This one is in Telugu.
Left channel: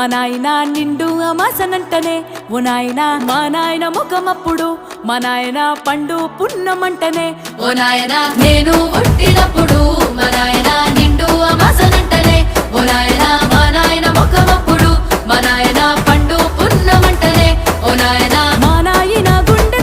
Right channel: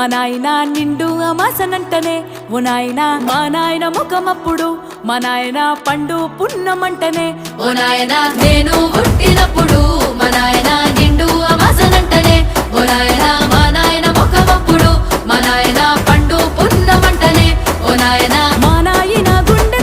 మా నాయన నిండు అమాసనంటనే ఓ నాయన మా నాయన ముఖమప్పుడు మా నాయన పండు పున్నమంటనే ఓ నాయన నేను పుట్టినప్పుడు మా నాయన నిండు అమాసనంటనే ఓ నాయన మా నాయన ముఖమప్పుడు మా నాయన పండు పున్నమంటనే ఓ నాయన మా నాయన గుండె